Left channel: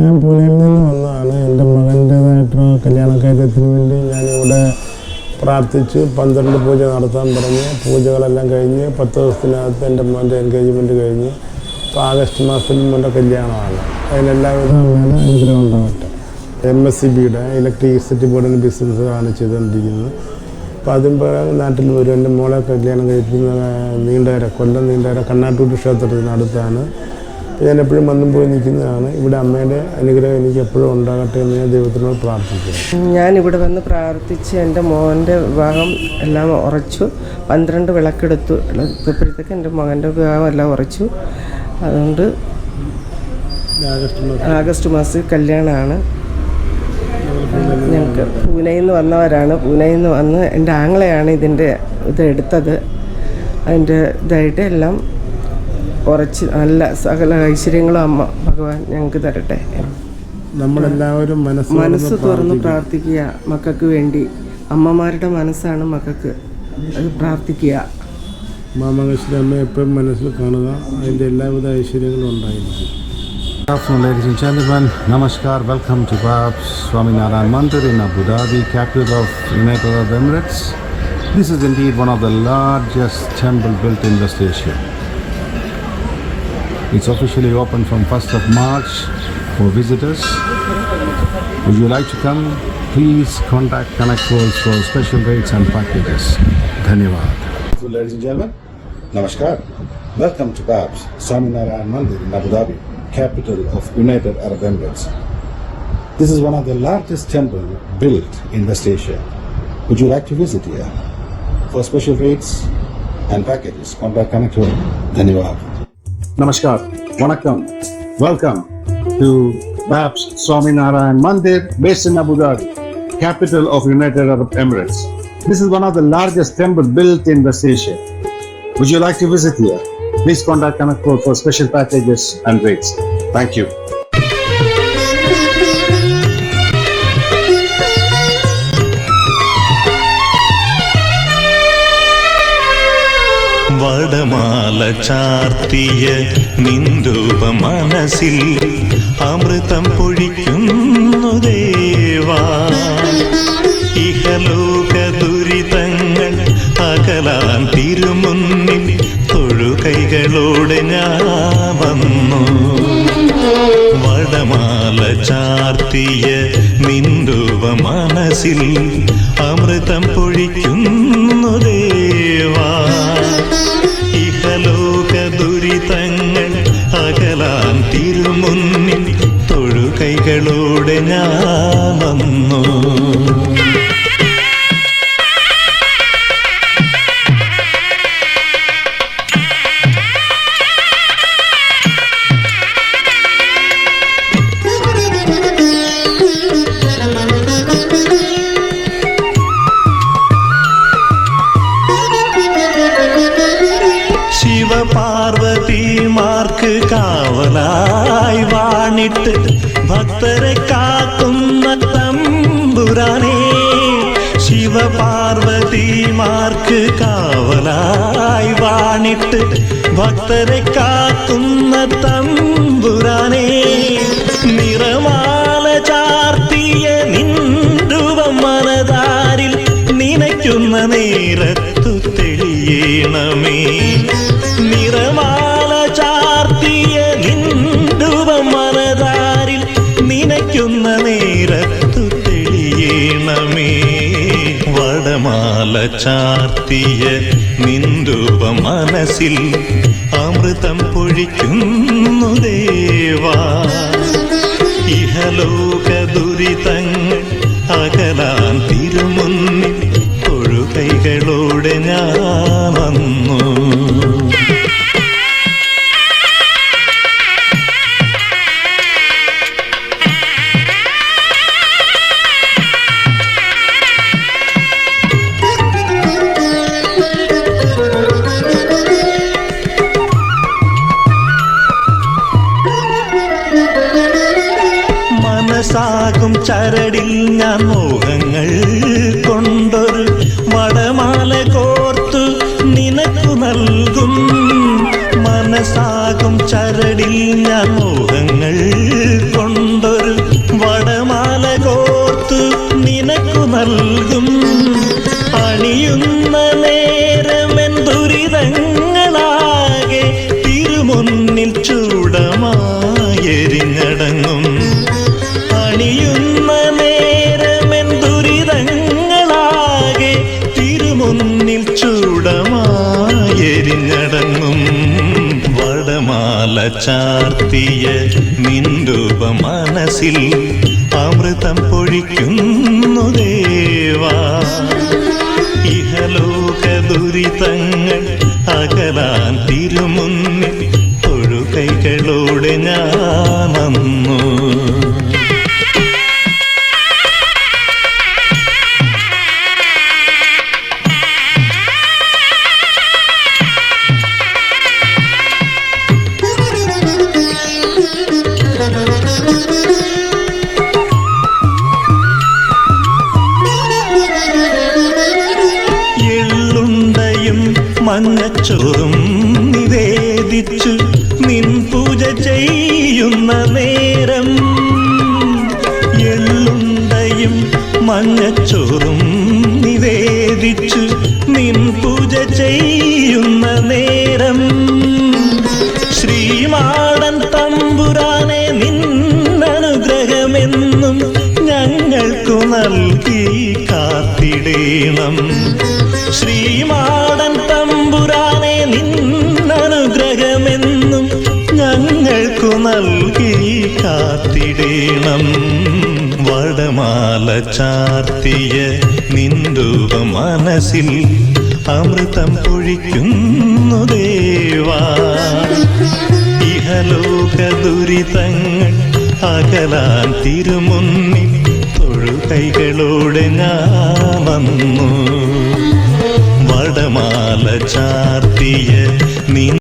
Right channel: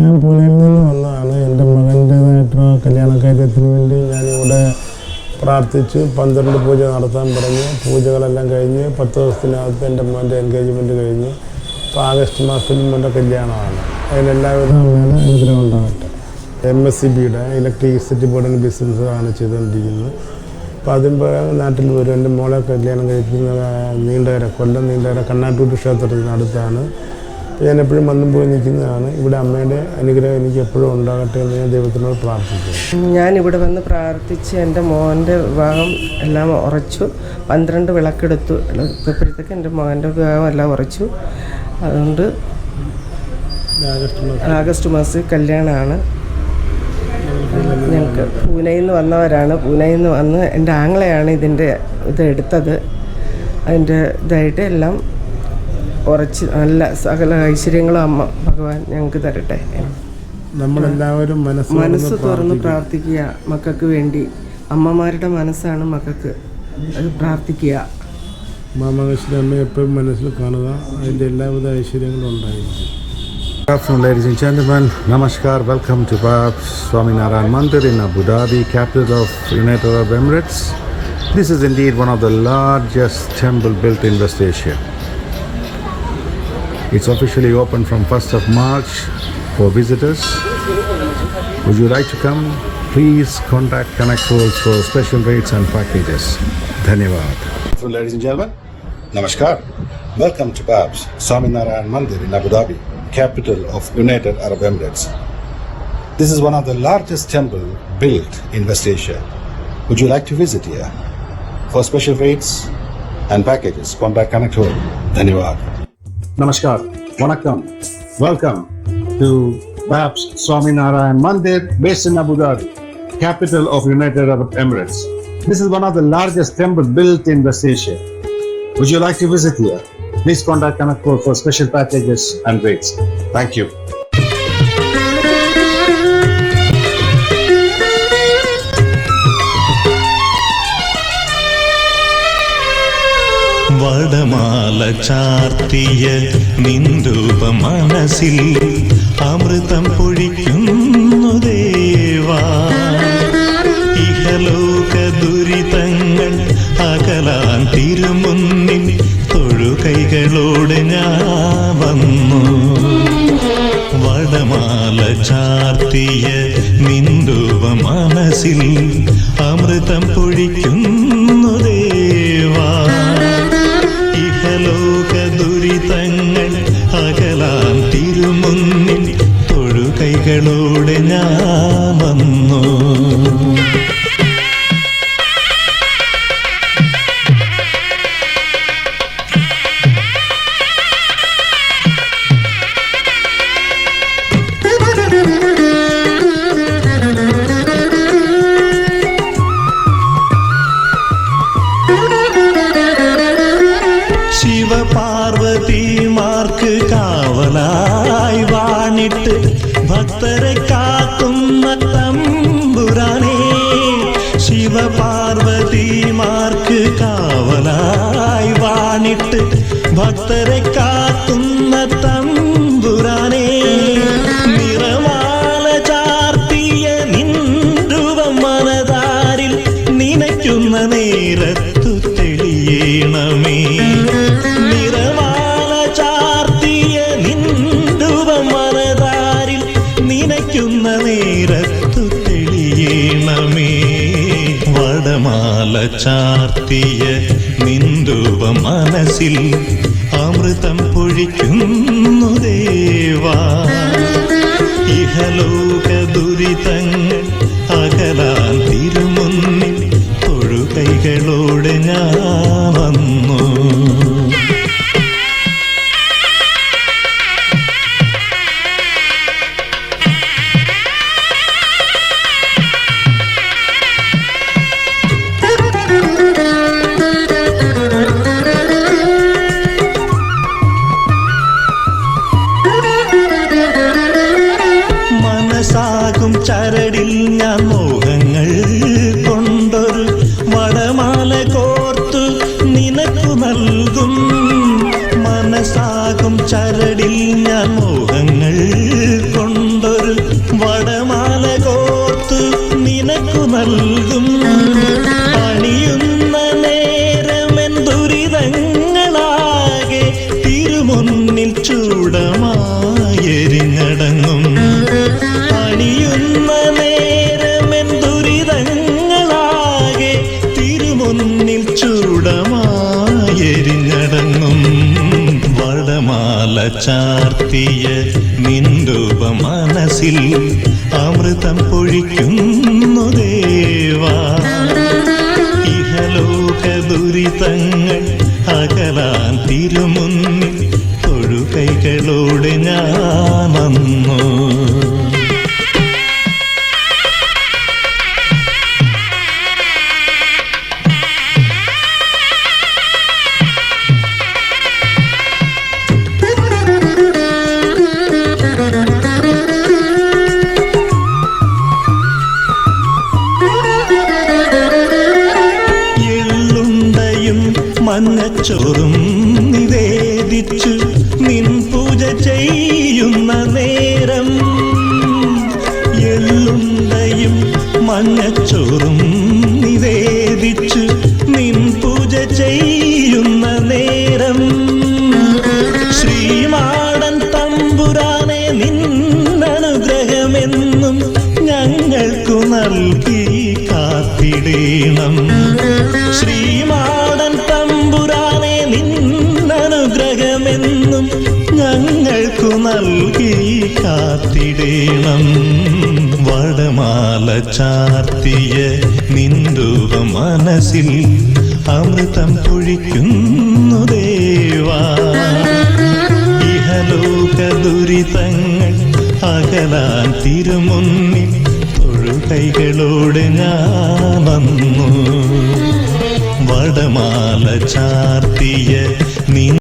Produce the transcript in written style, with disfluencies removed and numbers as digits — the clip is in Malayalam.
ഞാൻ പൂനെയിൽ നിന്ന് വന്നതാണ്. എൻ്റെ മകൻ്റേതായിട്ടുള്ള കല്യാണക്കാര്യത്തിന് വേണ്ടി ഞാനിവിടെ പ്രാർത്ഥിച്ച് 12 പൂജ നടത്താൻ പറഞ്ഞ് പൂജകളെല്ലാം കഴിഞ്ഞ് 10 ദിവസത്തിനകത്ത് എൻ്റെ മോൻ്റെ എൻഗേജ്മെൻറ്റ് കഴിഞ്ഞ് ഇപ്പോൾ ആഗസ്റ്റ് മാസത്തിൽ മോൻ്റെ കല്യാണമാണ്. അതിനെല്ലാവിധ അമ്മയുടെ അനുഗ്രഹം ഉണ്ടാകട്ടെ. MSCBയുടെ ഇലക്ട്രിസിറ്റി ബോർഡിൻ്റെ ബിസിനസ്സാണ് ചെയ്തുകൊണ്ടിരിക്കുന്നത്. അപ്പോൾ അതിന് നാട്ടിൽ വരും. എൻ്റെ മോളെ കല്യാണം കഴിപ്പിക്കുന്ന കൊല്ലം നീണ്ടകര കണ്ണാട്ടൂർ ക്ഷേത്രത്തിന് അടുത്താണ്. ഞാൻ എപ്പോഴും വന്നും പോയി നിൽക്കുന്നതാണ്. ഇവിടെ അമ്മയുടെ അനുഗ്രഹം എനിക്ക് എപ്പോഴും ഉണ്ടാകട്ടെ എന്ന് ഞാൻ ദൈവത്തിനോട് പ്രാർത്ഥിക്കുന്നു. ഞാനിവിടെ വന്ന് പ്രാർത്ഥിച്ച് എൻ്റെ മോൻ്റെ വിവാഹം എല്ലാം ഉറച്ചു. 12 വിളക്കെടുത്തു. ഇപ്പോഴത്തേക്ക് എൻ്റെ മകൻ്റെ വിവാഹം എല്ലാം ഉറച്ചു. അതുകൊണ്ട് ആഗസ്റ്റ് മാസത്തിൽ കല്യാണമാണ്. ഞങ്ങൾക്ക് പൂനെയിൽ നിന്ന് വന്നവരാണ്. പൂനെയിൽ നിന്ന് വന്ന് എൻ്റെ ആങ്ങളെയാണ് ഇത് എടുത്തത്. അതിൻ്റെ ഇതായിട്ട് എല്ലാം ഉറച്ച് നല്ല സകല ഐശ്വര്യങ്ങളും അമ്മ ഭഗവാൻ ഞങ്ങൾക്ക് തരട്ടെ. നമ്മളെല്ലാവരും മനസ്സ് തുറന്ന് പ്രാർത്ഥിക്കുക മക്കൾക്ക് വേണ്ടി. അമ്മമാരുടെ മനസ്സാണ് മക്കൾക്ക്. അത് പ്രാർത്ഥിക്കുക. മാമകശ്വരി അമ്മയെ എപ്പോഴും മനസ്സിൽ കാണുക. അതിൻ്റെ എല്ലാവിധ ഐശ്വര്യങ്ങളും ഉണ്ടായിരിക്കും. Good afternoon, ladies and gentlemen. Namaskar. Welcome to Babs Swaminarayan Mandir in Abu Dhabi, capital of United Arab Emirates. This is indeed one of the largest temple built in West Asia. It's officially open from 1st of March for visitors. Would you like to come? Please contact Connect Worlds for special rates and packages. Dhanyavad. So, ladies and gentlemen, Namaskar. Welcome to Babs Swaminarayan Mandir in Abu Dhabi, capital of United Arab Emirates. This is one of the largest temple built in West Asia. Would you like to visit here? For special rates and packages, contact Connect World. Dhanyavad. Namaskar. Vanakkam. Welcome to Babs Swaminarayan Mandir based in Abu Dhabi, capital of United Arab Emirates. This is one of the largest temple built in West Asia. Would you like to visit here? Please contact Connect World for special packages and rates. Thank you. വടമാല ചാർത്തിയ നിൻരൂപ മനസ്സിൽ അമൃതം പൊഴിക്കുന്നു ദേവാ. ഇഹലോക ദുരിതങ്ങൾ അകലാൻ തിരുമുന്നിൽ തൊഴുകൈകളോടെ ഞാൻ വന്നു. വടമാല ചാർത്തിയ നിൻരൂപ മനസ്സിൽ അമൃതം പൊഴിക്കുന്നു ദേവാ. ഇഹലോക ദുരിതങ്ങൾ അകലാൻ തിരുമുന്നിൽ തൊഴുകൈകളോടെ ഞാൻ വന്നു. ശിവപാർവതിമാർക്ക് കാവലായി വാണിട്ട് ഭക്തരെ കാക്കുന്ന തമ്പുരാനേ. ശിവപാർവതിമാർക്ക് കാവലായി വാണിട്ട് ഭക്തരെ കാക്കുന്ന തമ്പുരാനേ. നിറമാല ചാർത്തിയ നിൻരൂപം മനതാരിൽ നനയ്ക്കുന്ന നേരത്തു തെളിയണമേ. നിറമാല ചാർത്തിയ നിൻരൂപം മനതാരിൽ നനയ്ക്കുന്ന നേരത്തു തെളിയണമേ. വടമാല ചാർത്തിയ നിൻരൂപം മനസ്സിൽ അമൃതം പൊഴിക്കുന്നു ദേവാ. ഇഹലോക ദുരിതങ്ങൾ അകലാൻ തിരുമുന്നിൽ തൊഴുകൈകളോടെ ഞാൻ വന്നു. മനസ്സാകും ചരടിൽ ഞാൻ മോഹങ്ങൾ കൊണ്ടൊരു വടമാല കോർത്തു നിനക്കു നൽകും. മനസ്സാകും ചരടിൽ ഞാൻ മോഹങ്ങൾ കൊണ്ടൊരു വടമാല കോർത്തു നിനക്കു നൽകും. പണിയുന്ന നേരമെൻ ദുരിതങ്ങളാകെ തിരുമുന്നിൽ ചൂടമായെരിഞ്ഞടങ്ങും. പണിയുന്ന നേരമെൻ ദുരിതങ്ങളാകെ തിരുമുന്നിൽ ചൂടമായെരിഞ്ഞടങ്ങും. വടമാല ചാർത്തിയ നിൻരൂപ മനസ്സിൽ അമൃതം പൊഴിക്കുന്നു ദേവാ. ഇഹലോക ദുരിതങ്ങൾ അകലാൻ തിരുമുന്നിൽ തൊഴുകൈകളോടെ ഞാൻ വന്നു. എള്ളുണ്ടയും മഞ്ഞച്ചോറും നിവേദിച്ചു നിൻ പൂജ ചെയ്യുന്ന നേരം. എള്ളുണ്ടയും മഞ്ഞച്ചോറും നിവേദിച്ചു നിൻ പൂജ ചെയ്യുന്ന നേരം. ശ്രീമാടൻ തമ്പുരാനെ നിന്നനുഗ്രഹമെന്നും ഞങ്ങൾക്കു നൽകി കാത്തിടേണം. ശ്രീമാടൻ തമ്പുരാനെ നിന്നനുഗ്രഹമെന്നും ഞങ്ങൾക്കു നൽകി കാത്തിടേണം. വടമാല ചാർത്തിയ നിൻരൂപ മനസ്സിൽ അമൃതം പൊഴിക്കുന്നു ദേവാ. ഇഹലോക ദുരിതങ്ങൾ അകലാൻ തിരുമുന്നിൽ തൊഴുകൈകളോടെ ഞാൻ വന്നു. വടമാല ചാർത്തിയ നിൻ